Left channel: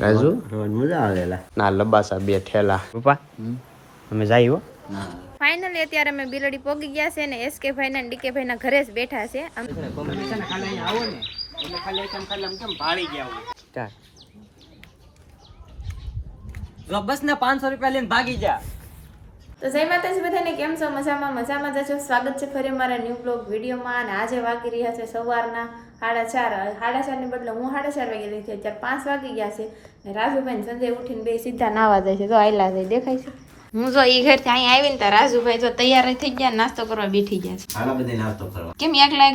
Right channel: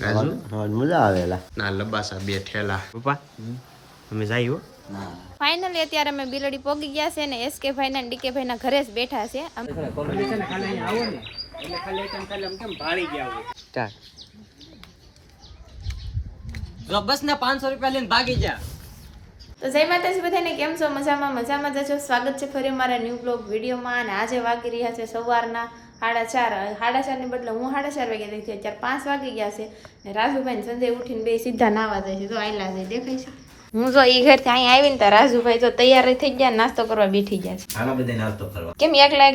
રાજુ મજા આવેલા ના લબાસા 2 થેલા પપ્પા અમે જાય હો. ફાઇનલી અત્યારે અમે બિલડી પોગી ગયા છે ને એસકે ભાઈ ના ડીકે ભાઈ ના ઘરે જ બેઠા છે. બસ ને 500 રૂપિયા લઈને ભાગી જા. તો જય માતાજી બધાને, કેમ છો? મજામાં જજો. સ્વાગત છે ફરી મારા ન્યૂ બ્લોગ વિડીયોમાં. અને આજે વાગી રહ્યા છે સવારના 4:30 ની બદલે હું 4:30 વાગે થઈ હતી. અત્યારે 5 વાગી ગયા છે ને રાજુભાઈ સંજય ઉઠીને બે સીધા નાવા જાય છે. તો આયલા જાય દેખાય છે. હું જો ઈ ઘરથી અહીં આવીને તો રાજુભાઈ જો તૈયાર થઈ ગયા, નાસ્તો કરવા બેઠી ગયા છે. હાલો બધે નાસ્તો કરવા. કેમ એકલા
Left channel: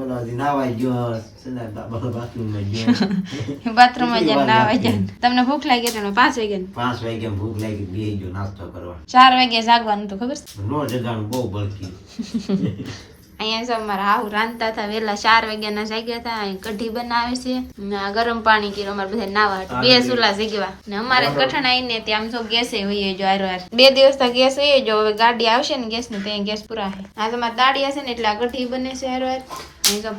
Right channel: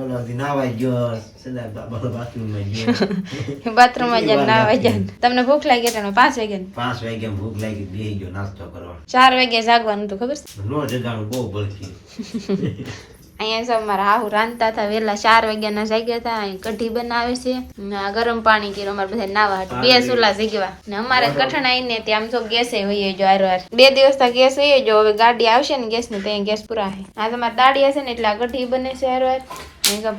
ઓલા દી નાવાઈ ગયો સદા બાથરૂમમાં ગયો. બાથરૂમમાં જઈને નાવા ગયા. તમને ભૂખ લાગી એટલે 5 વાગ્યા 5 વાગે ભૂખ લાગી બેહી ગયો નાસ્તો કરવા. 4 વાગે જાગવાનું તો ખબર છે. નો જગાણું બહુ બળકી. અહીંયા જો મારા હાહુ રાંધતા હતા વેલા 4 વાગ્યાના જાગ્યા હતા. અહીં કઢી બનાવે છે ને આ ગરમ પાણી કર્યું અમારે બધા નાવા હતું. 2 ચૂલા ઝીગવા ને અમારે કઠણાઈ ને ત્યાં જો ગેસે હોઈએ જો હાર 2 દિવસ તો ગેસ હોઈએ જો. હવે ગાડી આવશે ને ગેસ ને ત્યાં ગેસ પૂરા છે. આ તમારે દાડી હશે ને એટલે આ કઢી બને છે હાર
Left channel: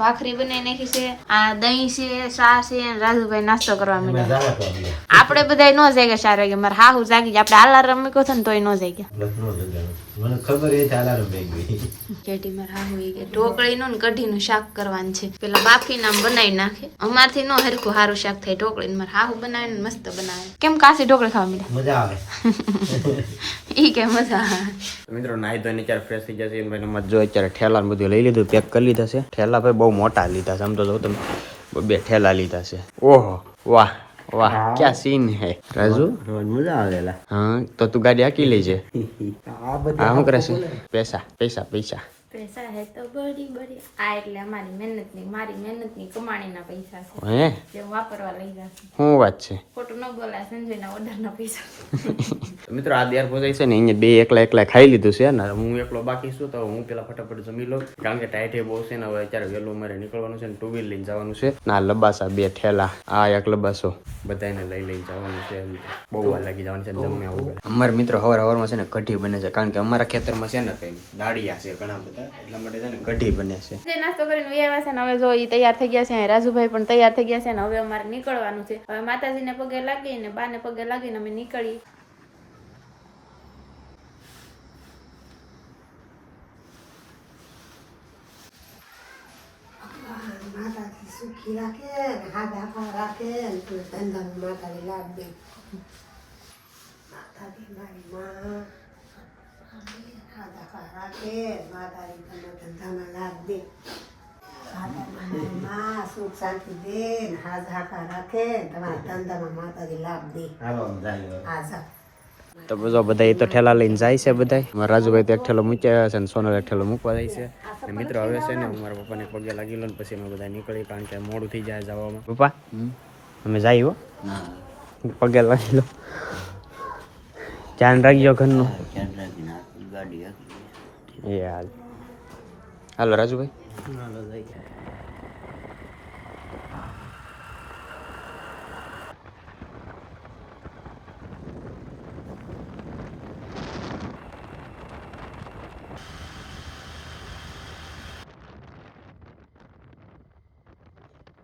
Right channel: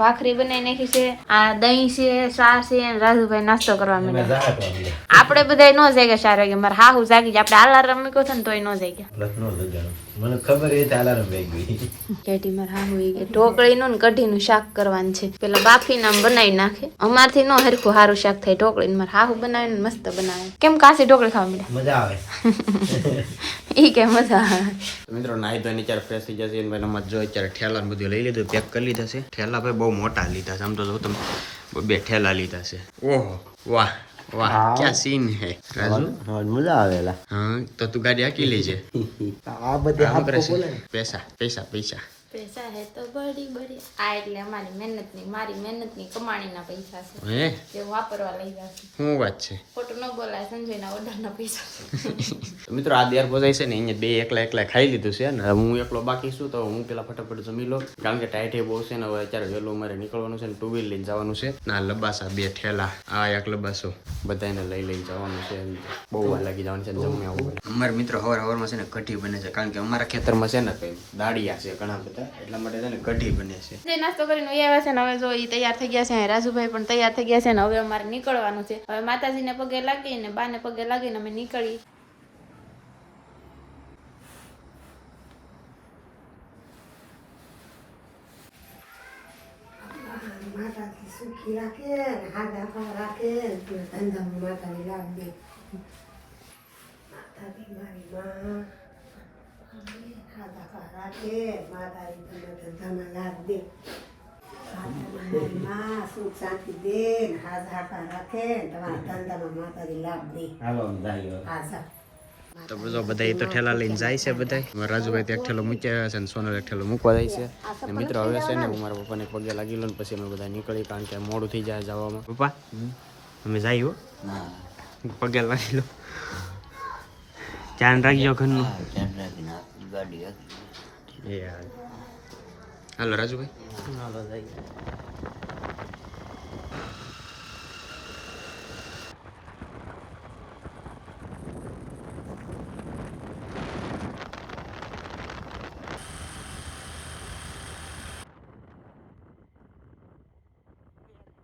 ભાખરી બનાવી નાખી છે. આ દહીં છે, ચા છે અને રાજુભાઈ નાસ્તો કરવા માંડ્યા. આપણે બધા ન જાગ્યા 4 વાગે. મારા હાહુ જાગી ગયા. આપણે અલાર્મ મૂક્યો હતો ને તોય ન જાગ્યા. મને ખબર એ અલાર્મ વાગી ગઈ. કેટી મારા હાહુ ઢોકળીનું ને કઢીનું શાક કરવાનું છે. પેલા બાફી નામ બનાવી નાખે. અમારથી નો હરખું સારું શાક થાય ઢોકળી. મારા હાહુ બનાવે ને મસ્ત બનાવે. કેમ કાસી ઢોકળી ખાવા મળ્યા? મજા આવે. ઈ કે મજા આવે. મિત્રો નાઈ ધોઈને અત્યારે ફ્રેશ થઈ જશે ભાઈ. મત જો અત્યારે ઠેલા ને બધું લઈ લીધું, પેક કરી લીધા છે. ઠેલા ભાઈ બહુ મોટા લીધા છે. આમ તો જો તમે 2 ઠેલા લીધા છે. ઓહો વાહ વાહ ક્યાં સીન હે રાજુ. મજા આવેલા. હા તો તું ગાડી આકી લેજે. આ બધા શું કરે છે? પૈસા પૈસા પૈસા પૈસા હે તો બડી આ એટલે અમારી મારી મહેનતની કમાણીના પૈસા છે. હે જે વાપરવા લઈ જશે. શું વાત છે? ખોટું ન બોલાય. સંજયના ઓર્ડરના પૈસા. મિત્રો આ દેર પહોંચાઈ છે ને અહીંયા 2 એકલા ખાઈ લીધું છે ને હું એકલો બાકી છું. તો હું પેલા ફટાફટ જમી લઉં કારણ કે ટાઈટ બહુ છે ને. હવે અત્યારે વહેલું મારે નીકળવાનું છે ને 2 વ્હીલ લઈને જવાનું છે. ના લબાસા 2 ઠેલા આ એક લબાસો બધાને લઈ જવાનું છે. બહુ વાર લાગી જવાનું છે ને જમે આવું. અમારે મિત્રો હવારમાં છે ને કઢી બને છે કારણ કે અમારા ખેતરમાં છે ને કઈ દાડિયા છે ઘણા બધા, એટલા માટે છે ને કઢી બને છે. જે નાસ્તો કરીને આવ્યા છે ને હવે જો ઈ તૈયાર થઈ ગયા છે. રાજુભાઈ પણ તૈયાર થઈ ગયા છે ને હવે અમારે નીકળવાનું છે. હવે માતાજીને પગે લાગીને બાને પગે લાગીને અમે નીકળી. માતાજી સુખી રાખે ને હાથ રાખે તું ધંધામાં માતાજી લાભ દે. માતાજી મારી માં હાથ રાખે, માતાજી તને ધંધામાં લાભ દે. માતાજી માં સુખ શાંતિ દે ને હાથ રાખે તમારા ધંધામાં માતાજી લાભ દે. હાલો જાય. હા સર તો બધા તો ઠેલા લઈને જાય છે બધા. મારા રાજુભાઈ તો એક ઠેલો મૂક્યા છે ને સોનલ એક ઠેલો મૂકવા જાય છે. અને મિત્રો હવે છે ને હું મારા પપ્પાને પગે લાગી લઉં પછી અમે બધા નીકળી કારણ કે મોડું થઈ જાય જવામાં. પપ્પા અમે જાય હો. પગે લાગી લો. ધ્યાન રાખજો ઘરનું. એ હાલો રાજુભાઈ.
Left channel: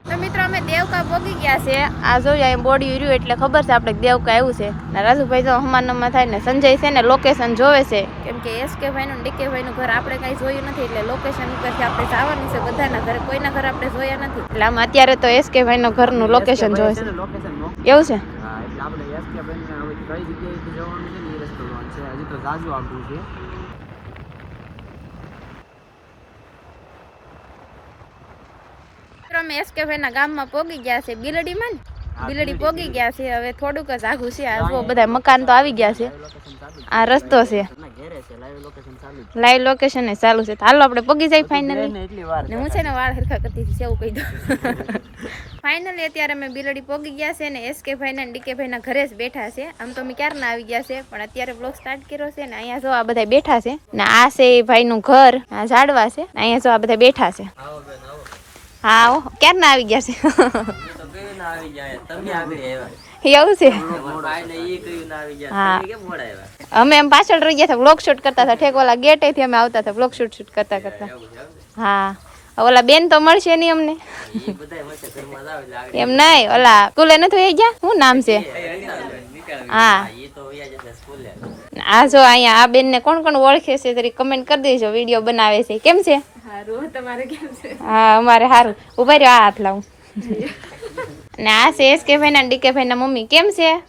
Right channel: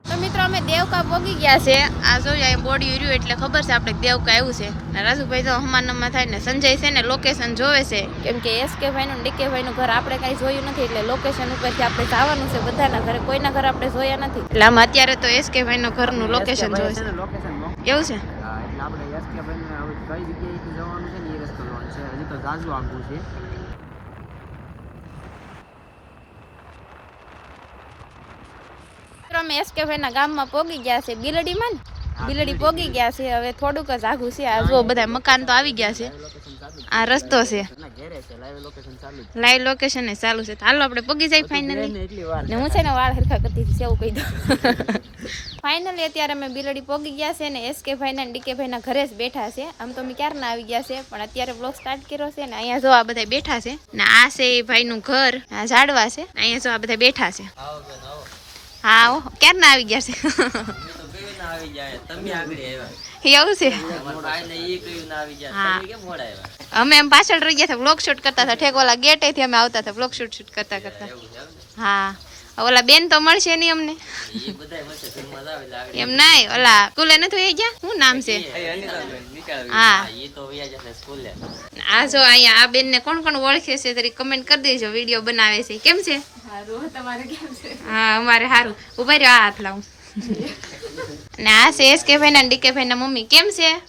તો મિત્રો અમે દેવકા પોગી ગયા છે. આ જોઈએ અહીં બોડી ઉર્યું એટલે ખબર છે આપણે દેવકા આવ્યું છે. ને રાજુભાઈ તો હમાનમાં થાય ને સંજય છે ને લોકેશન જોવે છે કેમ કે એસકે ભાઈનું ડીકે ભાઈનું ઘર આપણે કઈ જોયું નથી એટલે લોકેશન ઉપરથી આપણે જવાનું છે. બધાના ઘરે કોઈના ઘર આપણે જોયા નથી એટલે આમ અત્યારે તો એસકે ભાઈનું ઘરનું લોકેશન જોવે છે. એવું છે? હા એટલે આપણે એસકે ભાઈને હવે કઈ જગ્યાએથી જવાનું છે ને એ રસ્તો જોવાનું છે. હજી તો જાજુ આગું છે. અમે એસકે ભાઈના ગામમાં પોગી ગયા છે. બિલડીમાં બિલડી પોગી ગયા છે. હવે થોડુંક જ આઘું છે. આ જો બધા મકાન તો આવી ગયા છે. આ રસ્તો છે. લાઈવ લોકેશન એ ચાલુ છે. હાલો આપણે પોગી જાય ફાઇનલી. હું છે ને વાળ હરખા કરતી હતી એવું કહી દઉં. ફાઇનલી અત્યારે અમે બિલડી પોગી ગયા છે ને એસકે ભાઈના ડીકે ભાઈના ઘરે જ બેઠા છે. આમ તો અમે ક્યારના આવી ગયા છે પણ અત્યારે બ્લોગ સ્ટાર્ટ કર્યો છે ને અહીંયા જો આ બધા બેઠા છે ને આ છે ભાઈનું ઘર. આ ઝાડવા છે. અહીંયા જો આ બધા બેઠા છે. હા ક્યારના આવી ગયા છે. એવું છે? અમે એમ પાછળ રહી ગયા હતા. બ્લોગ શૂટ કરતા હતા. ઠેક ઓલા ગેટેથી અમે આવતા હતા બ્લોગ શૂટ કરતા. હા ઓલા બેન તો મળશે નહીં અમને એમ નહીં ઓલા સ્કૂલે નથી વહી ગયા શું નામ છે હા આ જો અહીંયા આ બેન ને કોણ કોણ ઓળખે છે તરી કમેન્ટ કરી દેજો વિડીયો બનાવે છે કેમ છે હા અમારે સારું ઉભા રહ્યો આ હાથ લાવું ને આ છે એસ કે ભાઈ ના ડી કે ભાઈ ના મમ્મી કેમ છે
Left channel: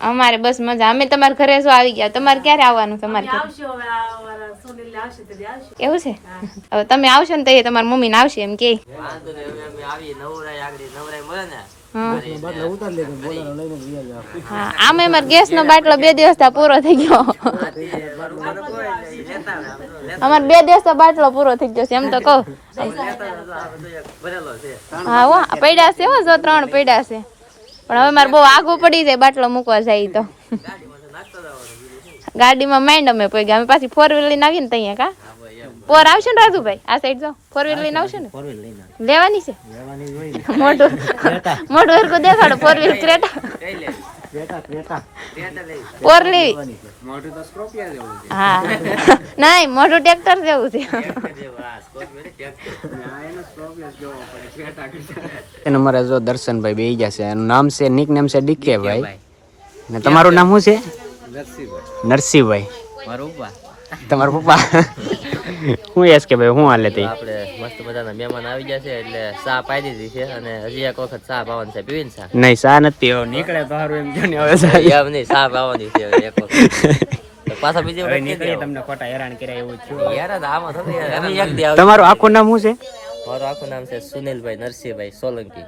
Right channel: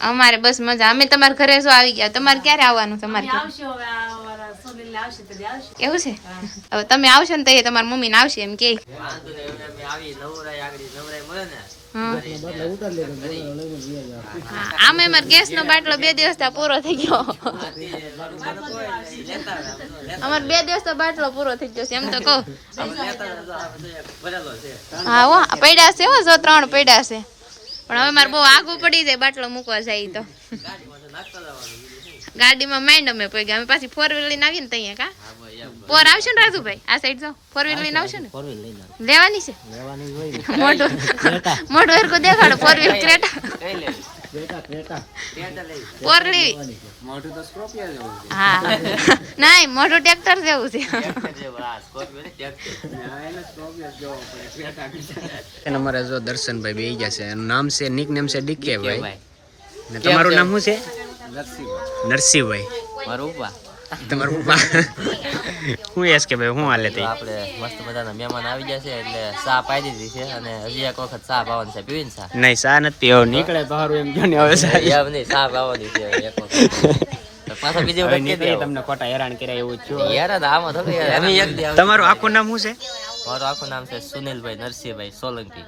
અમારે બસ મજા અમે તમારા ઘરે શું આવી ગયા તમારે ક્યારે આવવાનું તમારે ઘરે એવું છે હવે તમે આવશો ને તો એ તમારા મમ્મી ને આવશે એમ કે હા આમે અમારે ગેસ નો બાટલો 2 દિવસ પૂરો થઈ ગયો અમારે 2 દિવસ બાટલો પૂરો થઈ ગયો છે એમ તો કહું હા હો પડ્યા છે હો જો 3 પડ્યા છે પણ હવે મારે બહુ આગું પડી જાય બાટલો મૂકવા જાય તો ગાડીમાં માઇન્ડ અમે પડી ગયા અમે પાછી 4 વ્હીલ લઈને આવીએ ને ત્યાં કા પોર આવશે ને રાજુભાઈ આ સાઈડ જો 4 વ્હીલ લઈને આવશે ને લેવાની છે મોટું મોટું હરકું દેખાડો 4 વ્હીલ ક્રેટા પોર લેવી મોટું તો સ્કોર્પિયો જેવું છે હા નહીં મોટું ટ્રેક્ટર જેવું છે અમારે જો દર્શનભાઈ બેહી ગયા છે એનું નામ છે નિક નેમ છે ડીકે ભાઈ ને તમારું નામ શું છે નરસિંહભાઈ મારું પપ્પા તમારા પપ્પા હું એસ કે ભાઈ હું હાલે તે આપણે મસ્ત મજાના મહેમાન આવી ગયા છે એટલે ચા પાઈ દીધી છે અને હજી એક વખત ચા પાવાની છે પીવીને ચા નહીં સા નથી હવે નીકળે તો સારું એમ જો ને હવે સા એમ નહીં ચા પાવાની છે એક વખત તો પાછા બીજી હવે વખત નીકળીએ તમને ખોટા હેરાન કર્યા એવું છું યાર આમાં થોડી એમ એક દી આવી તમારું આખું નામ શું છે મારું આખું નામ છે સુનિલભાઈ નરસિંહભાઈ સોલંકી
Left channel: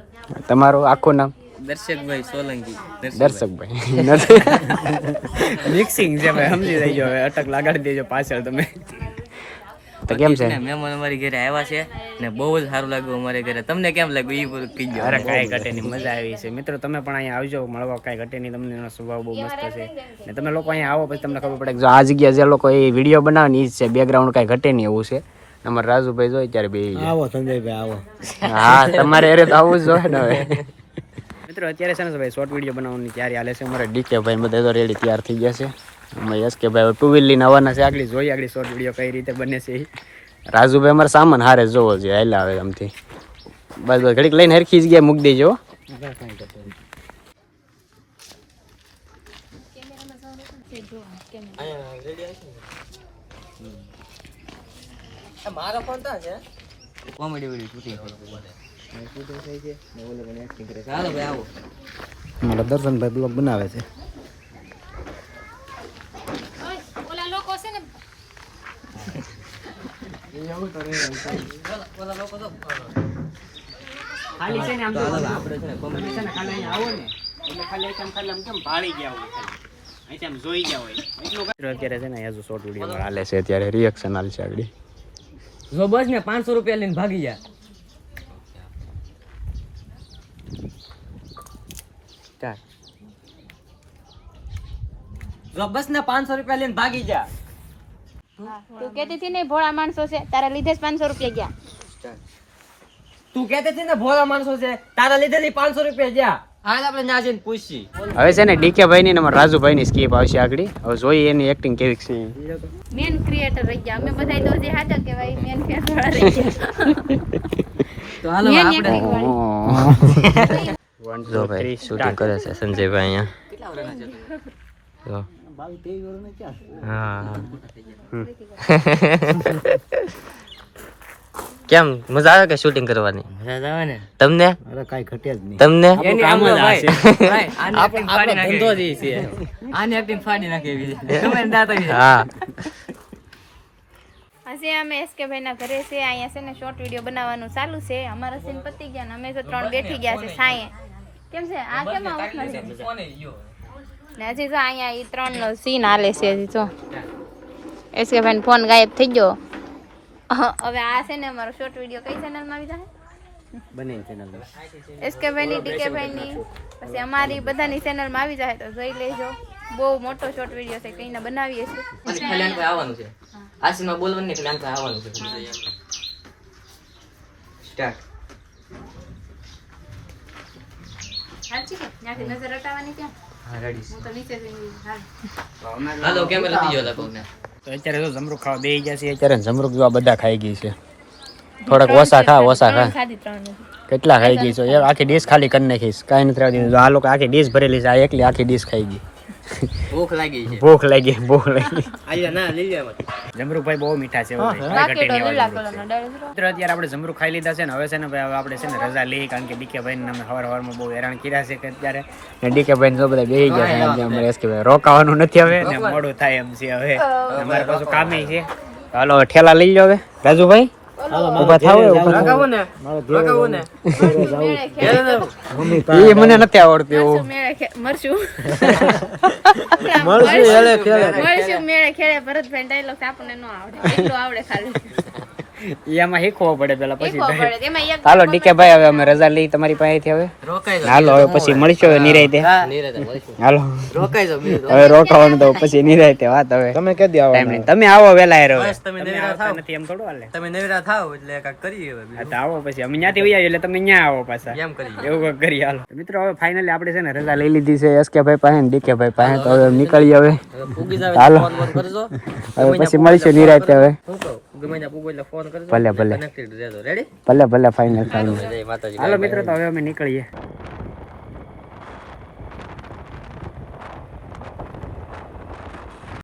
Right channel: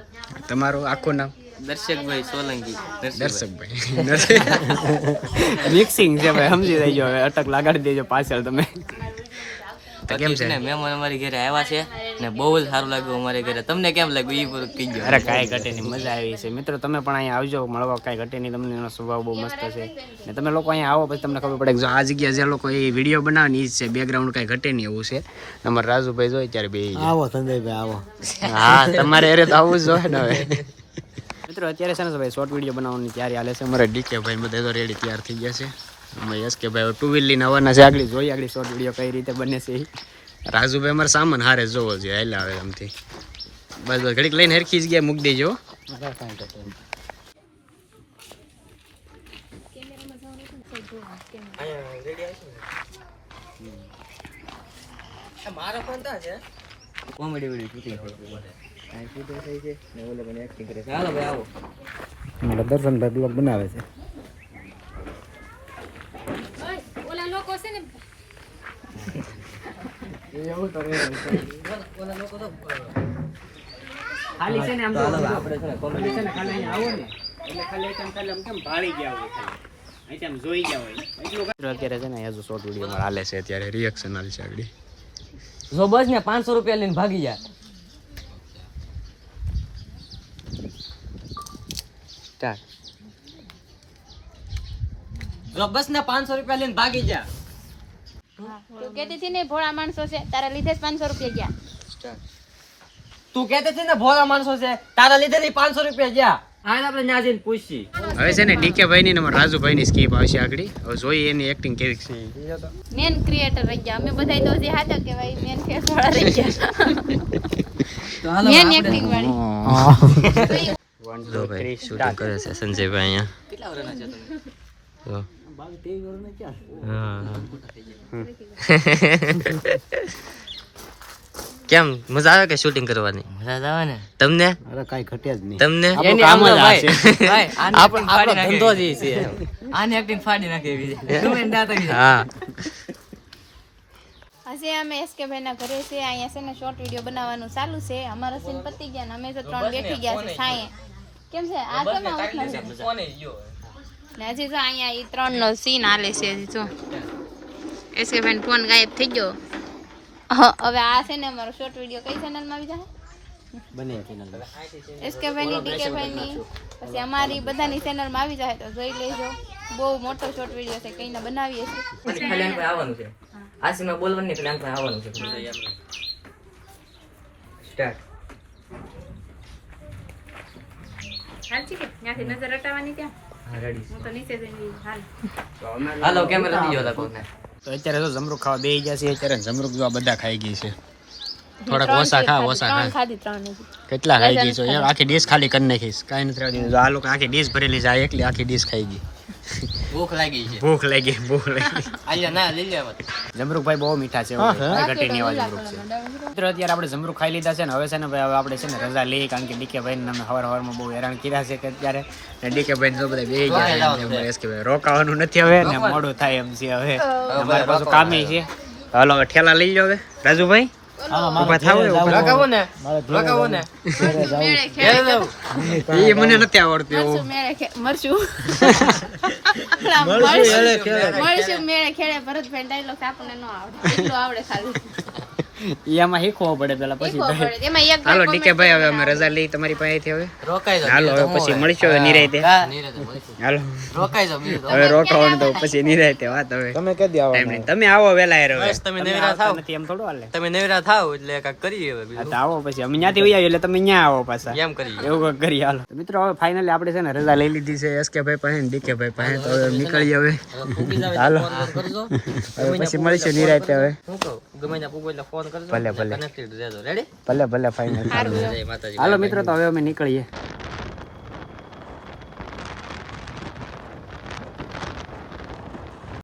તમારું આખું નામ દર્શકભાઈ સોલંકી દર્શકભાઈ મિક્સિંગ છે ભાઈ સમજી જઈજો હવે અટક લગાડી દેજો પાછળ તમે તો કેમ છે મહેમાન અમારી ઘરે આવ્યા છે ને બહુ જ સારું લાગ્યું અમારે ઘરે તમને કેમ લાગ્યું એ પૂરું કીજો અરે કાંઈ ઘટે નહીં મજા આવી છે મિત્રો તમે પણ અહીંયા આવજો મળવા કાંઈ ઘટે નહીં તમને એનો સ્વભાવ બહુ મસ્ત છે ને તમે લોકો અહીંયા આવો પછી તમને ખબર પડે કે જો આ જગ્યા જે લોકો એ વિડીયો બનાવે ને એ જ છે બેકગ્રાઉન્ડ કાંઈ ઘટે નહીં એવું છે અમારે રાજુભાઈ જોઈએ ત્યારે બે આવો સંજયભાઈ આવો હા તમારે અરે તો આવવું જ જોઈએ ને હવે મિત્રો અત્યારે છે ને ભાઈ શોર્ટ વિડીયો બનાવવાની તૈયારી હાલે છે અમારે ડીકે ભાઈ બધા તો રેડી તૈયાર થઈ ગયા છે અમે યસ કે ભાઈ 2 વ્હીલ લઈને આવવાના છે આગળ જોઈએ આગળ શોર્ટ વિડીયો કઈ રીતે બને છે રાજુભાઈ અમારે સામાન હારે જોવો જોઈએ હાલા આવે આમથી બસ બસ ઘડીક લઈને હરખી જગ્યાએ મૂકી દેજો મારો ફોન તો છે કોમેડી વિડીયો શૂટિંગ થઈ છે ને ઓલે પણ એક્ટિંગ કરે છે હાલો ભાઈ આવો મારા દર્શનભાઈ બ્લોગ બનાવે છે ઓલા લોકો છે ને ખાલી છે ને આમ તો આપણે છે ને કોમેડી છે ને ખાલી અહીંયા આવો ને એટલે ખાલી આમ કેમ ભાળી ગયા હોય ખાલી અહીં આમ જોઈ ગયા હોય એટલું અત્યારે છે ને હજુ શોર્ટ વિડીયો માં હાલે છે અત્યારે રિએક્શન હાલ છે આગળ જો બસ ને 500 રૂપિયા લઈને ભાગી જા જો બસ ને 500 રૂપિયા લઈને ભાગી જા તું કહેતી હતી ને ભોળા માણસો છે તારા લીધે જ 500 રૂપિયા ગયા તું કહેતી હતી ને ભોળા માણસો છે તારા લીધે 500 રૂપિયા જા હાલ આપણે ન્યા જઈને પૂછી હવે છે ને ડીકે ભાઈ ની ને રાજુભાઈ ની સ્કીપ આવશે આગળ હવે જોઈએ એની એક્ટિંગ કેવી છે મેન ક્રિએટર રહી ગયા અમે બધાય તો જે હાથા કે ભાઈ મેન ફેસ વાળા રહી ગયા તો હાલો મેન આપણે એક્ટિંગ વાળી જો ભાઈ શૂટિંગ કરે છે સંજયભાઈ અહીંયા કેમ મજા આવે કે શૂટિંગ કરવાની મજા આવે ને તમને અરે કાઈ ઘટે જ નહીં તમને કામ જ આ છે આપણો ધંધો જ છે આને એક્ટિંગ ફાડી નાખે એવી તમે દાતા હા આજે અમે એસકે ભાઈ ના ઘરે છે અહીંયા છે ને શોર્ટ વિડીયો બનાવવાનું ચાલુ છે અમારા સીન પતી ગયા ને અમે તો 3 બેઠી ગયા છે સાંયે કેમ છે આ કેમ આવું નથી ને હજી તો અહીંયા એ 3 નો સીન હાલે છે હજી તો એસકે ભાઈ ફોન ગાયબ થઈ ગયો હવે આ છે ને અમારો શોર્ટ વિડીયો કઈ ચેનલમાં આવી જાય બને ચેનલ એસકે ભાઈ ની ડીકે ભાઈ ની પછી અમારી બધાની ચેનલમાં આવી જાય તો જોઈ લેજો બહુ મોટો શોર્ટ વિડીયો છે કઈને બનાવીએ છીએ આવવાનું છે આ સીનમાં બોલવાનું નહીં પ્લાન આવવાનું છે સ્ટાર્ટ સાચી કે ત્યાંથી નજર હટાવવાની ક્યાં હું તો નીચે જઈને હાલ હાલો કેમેરા બીજો તા તો અત્યારે તો જમરૂક ખાવા બેસી ગયા છે અત્યારે જમરૂક જો આ બધા ખાઈ ગઈ છે થોડાક ઓછા ખા ઓછા ખા ખાધી 3 નથી. કેટલા ખાઈ ગઈ છો એક આખી ડીશ ખાલી કરી નાખીશ કાંઈ નથી આવતી આ લોકો આખી ડીશ ભરેલી છે આ એકલી આખી ડીશ ખાઈ ગઈ ભૂખ લાગી છે ભૂખ લાગી ભૂખ લાગી આયા ના લઈ લે જમરૂકભાઈ બહુ મીઠા છે એવું ભાઈ ઘટી નહીં એવા જમરૂક છે મિત્રો અત્યારે આપણે જમરૂક ખાઈ લીધા છે ને હવે છે ને ભાઈ હવે આપણે છે ને રજા લઈ કારણ કે ડીકે ભાઈ અમે સવારમાં બહુ હેરાન કર્યા છે કે અત્યારે ને ડીકે ભાઈ ને બધા બેસી ગયા રોકાવાનું નથી હવે ને મોડું થાય એમ છે હવે અમારે પાછું કામે છે હાલો હવે ઠેલા લઈ લો હવે રાજુભાઈ ઉભા થાવ ઉભા થાવ મેળે ખેડે એ મને નથી આવડતું એવું મરશું મેળે ખેડે ભરતભાઈ ડાયલોગ આપણને ન આવડે એટલું આવડે ખાલી એમાં શીખવો પડે પેલા પછી શીખવો પડે. એમાં એક હાલો ડીકે ભાઈ હવે અમે રજા લઈ તમારી પાસેથી હવે હાલો હવે પછી મળીશું હવે નિરાયતે હાલો હવે રોકાવાનું તો પછી નિરાયતે વાત હવે તમે કહી દો ટાઈમ નહીં તમે આવો વેલા હવે તમે તમે નિરાંત આવતા થાવ. નથી એમ થોડું હાલે તમે નવરા થાવ એટલે કાક કરીએ હવે હા તો આવો પછી અમે ત્યાંથી વહી આવીએ એટલે તમે ત્યાં આવો પાછા એમ કરીએ એવું કંઈક કરીએ હાલો તો મિત્રો હવે ફાઇનલી આપણે છે ને રજા લઈ લીધી છે એસકે ભાઈ પાસે ને ડીકે ભાઈ પાસે તો હવે નીકળીએ હવે ફૂગી જાવ હાલો ફોન કરજો હવે પછી મળીશું નિરાયતે હવે હું કહું ગમે ત્યાં પૂગો એટલે ફોન કરજો ભલે ભલે કનેક્ટેડ રહેજો રેડી ભલે ભલે ફાઇનલ જય માતાજી હાલો મિત્રો તો હવે અમે નીકળીએ